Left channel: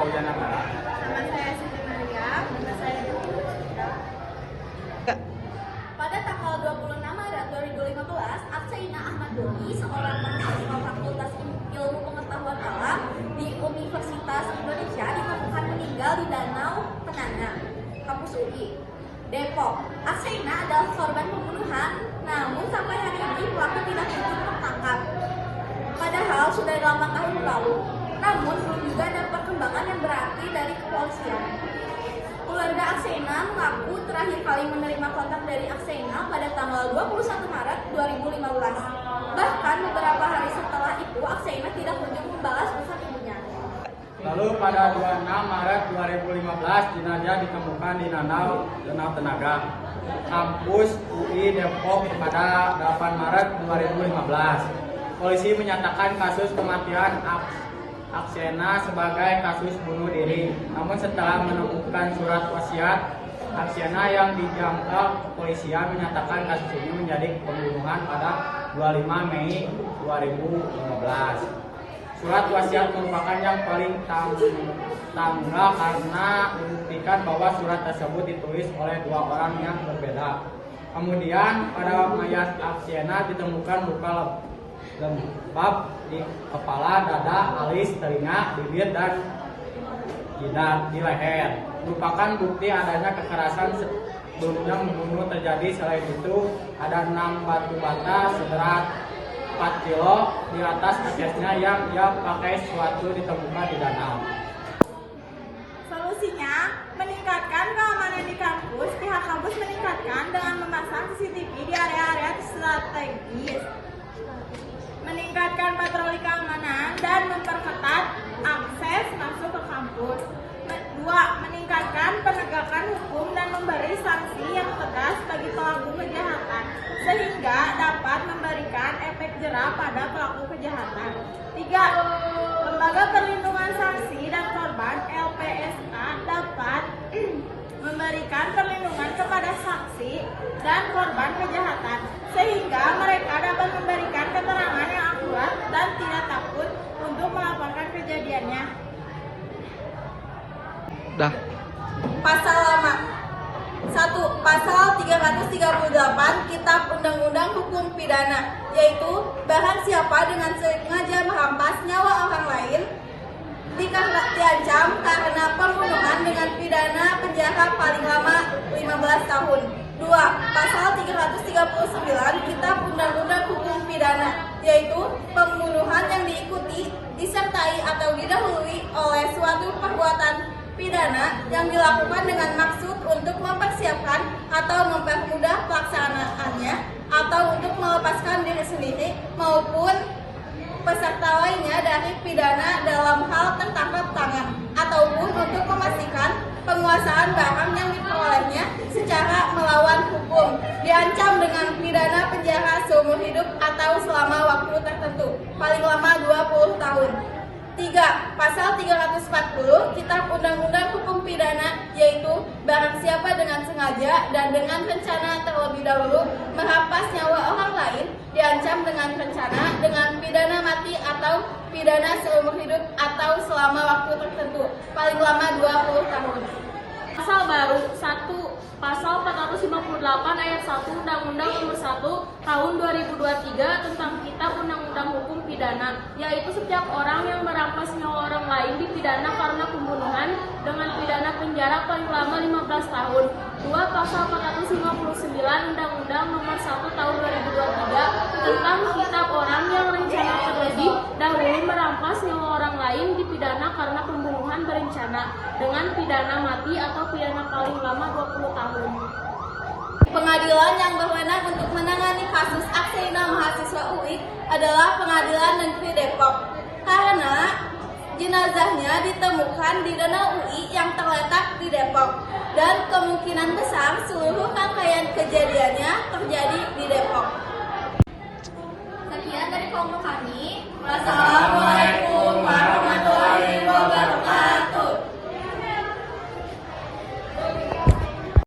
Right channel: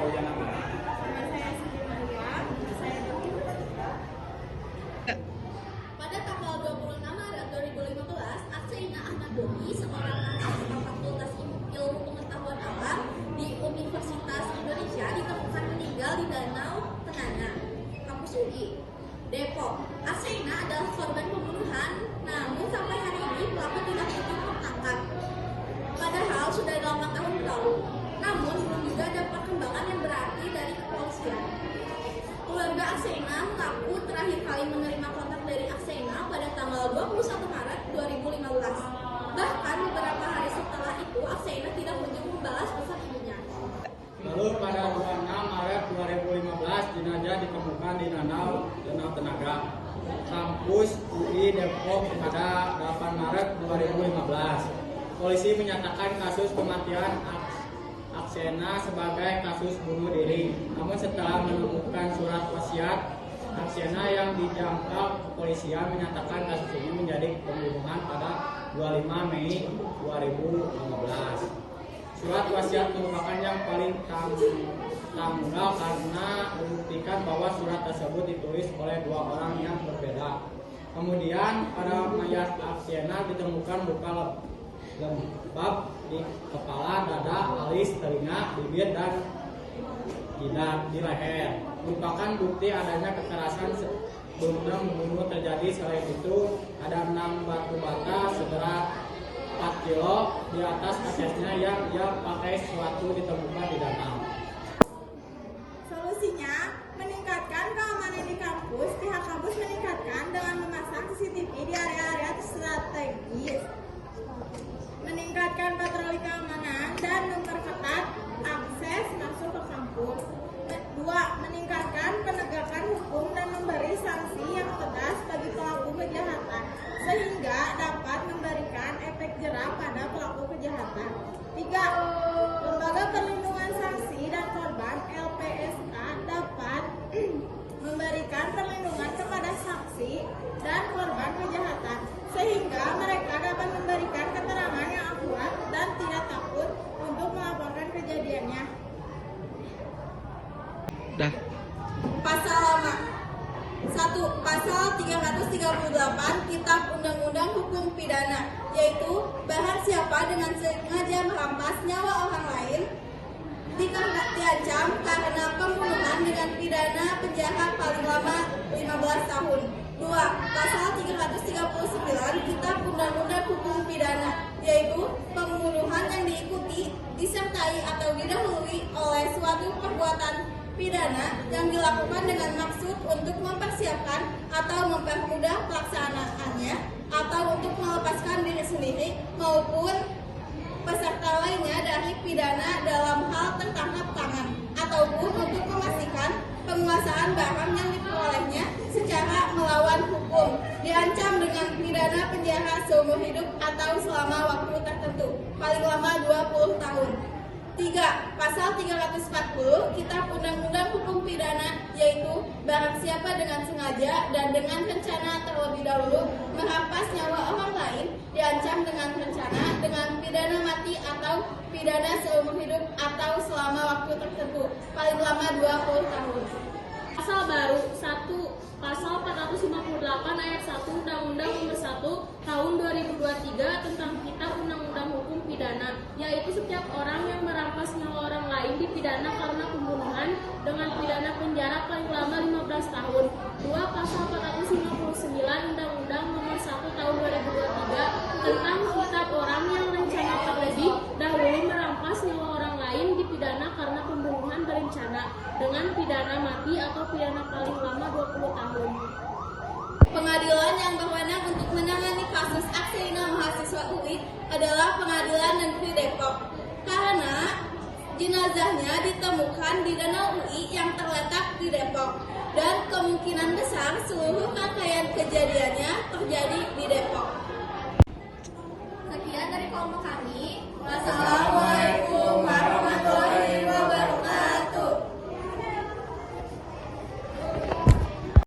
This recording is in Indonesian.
Paujanagara? Nama saya Siti Maria, nama saya Dwi. Pada tanggal 26 Maret 2015, Aksaina Ahmad Doni, seorang mahasiswa Fakultas Ilmu Pengetahuan Alam di Universitas Indonesia, ditemukan meninggal di Danau Tenana, kampus UI, Depok. Aksaina adalah korban pembunuhan, namun sampai hari ini pelaku tidak kunjung tertangkap. Padahal sudah 8 tahun lalu, namun belum juga ada perkembangan yang berarti dari kepolisian. Keluarga Aksaina mengaku terakhir kali menerima kontak dari Aksaina pada tanggal 21 Maret 2015. Bahkan beberapa hari setelah itu, Aksaina tidak kunjung membalas pesan ibunya. Lalu pada 26 Maret 2015, jenazah ditemukan di Danau Tenaga, kampus UI Depok pada 8 Maret 2015. Polisi menyatakan kasus kematian Aksaina sebagai kasus bunuh diri. Namun setelah menemukan surat wasiat Aksaina yang dijangkau, kepolisian menyatakan kasus ini menjadi pembunuhan pada 25 Mei 2015. Surat wasiat merupakan yang paling tanggal karena membuktikan bahwa surat tersebut ditulis oleh dua orang yang berbeda. Kemudian pada mayat Aksaina ditemukan luka lembab di kepala, dada, alis, telinga, bibir, dan jidat di leher. Merupakan bukti adanya kekerasan sebelumnya membunuh terjadi. Selain itu, ada 6 batu bata seberat 4 kilo di atas aksesnya yang dia pakai suatu ditemukan di danau. Solusinya, meningkatkan keamanan di kampus. Pihak kampus meningkatkan dengan memasang CCTV di area-area strategis, meningkatkan patroli keamanan, dan memperketat akses masuk ke kampus. 2. Meningkatkan penegakan hukum dan memberi sanksi yang tegas bagi pelaku kejahatan, sehingga dapat memberikan efek jera pada pelaku kejahatan. 3. Lembaga Perlindungan Saksi dan Korban (LPSK) dapat memberikan perlindungan kepada saksi dan korban kejahatan, sehingga mereka dapat memberikan keterangan yang akurat dan tidak takut untuk melaporkan kejadiannya. Pasal lama. 1. Pasal 338 Kitab Undang-Undang Hukum Pidana, yaitu barang siapa dengan sengaja merampas nyawa orang lain diancam karena pembunuhan dengan pidana penjara paling lama 15 tahun. 2. Pasal 339 Kitab Undang-Undang Hukum Pidana, yaitu pembunuhan yang diikuti, disertai atau didahului oleh suatu perbuatan pidana yang dilakukan dengan maksud untuk mempersiapkan atau mempermudah pelaksanaannya, atau untuk melepaskan diri sendiri maupun peserta lainnya dari pidana dalam hal tertangkap tangan, ataupun untuk memastikan penguasaan barang yang diperolehnya secara melawan hukum, diancam dengan pidana penjara seumur hidup atau selama waktu tertentu, paling lama 20 tahun. 3. Pasal 340 Kitab Undang-Undang Hukum Pidana, yaitu barang siapa dengan sengaja dan dengan rencana terlebih dahulu merampas nyawa orang lain diancam dengan rencana dengan pidana mati atau pidana seumur hidup atau selama waktu tertentu, paling lama 20 tahun. Pasal baru 1. Pasal 458 ayat 1 Undang-Undang Nomor 1 Tahun 2023 tentang Kitab Undang-Undang Hukum Pidana, yaitu setiap orang yang merampas nyawa orang lain dipidana karena pembunuhan dengan pidana penjara paling lama 15 tahun. 2. Pasal 459 Undang-Undang Nomor 1 Tahun 2023 tentang Kitab Orang yang rencana terlebih dahulu merampas nyawa orang lain dipidana karena pembunuhan berencana dengan pidana mati atau pidana paling lama 20 tahun. Pengadilan yang berwenang untuk menangani kasus Aksaina mahasiswa UI adalah Pengadilan Negeri Depok, karena jenazahnya ditemukan di Danau UI yang terletak di Depok, dan kemungkinan besar seluruh rangkaian kejadiannya terjadi di Depok. Sekian dari kelompok kami.